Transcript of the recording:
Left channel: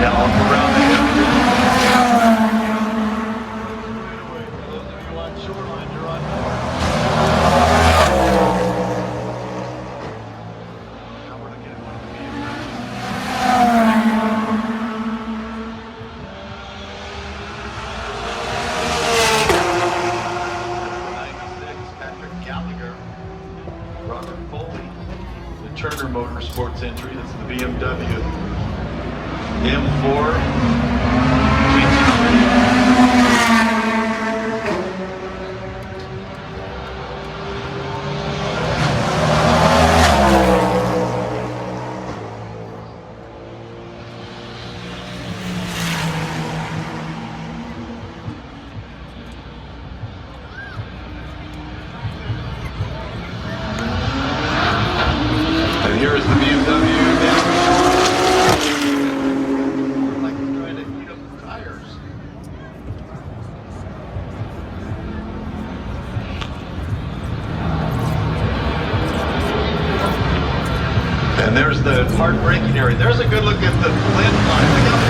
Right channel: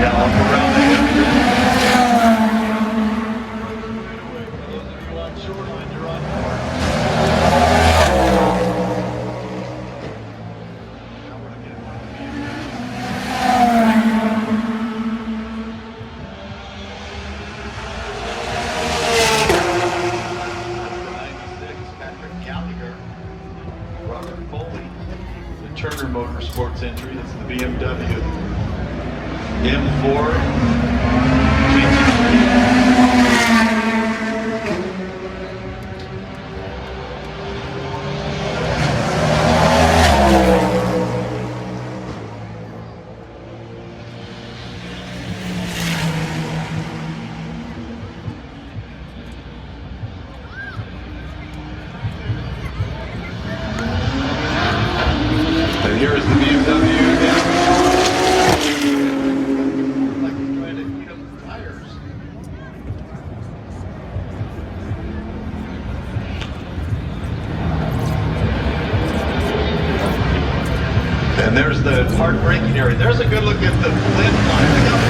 Now up around there. Turner Motorsports entry. It's the BMW M4. And here's the And there's the hard braking area. There's a good look at the lid.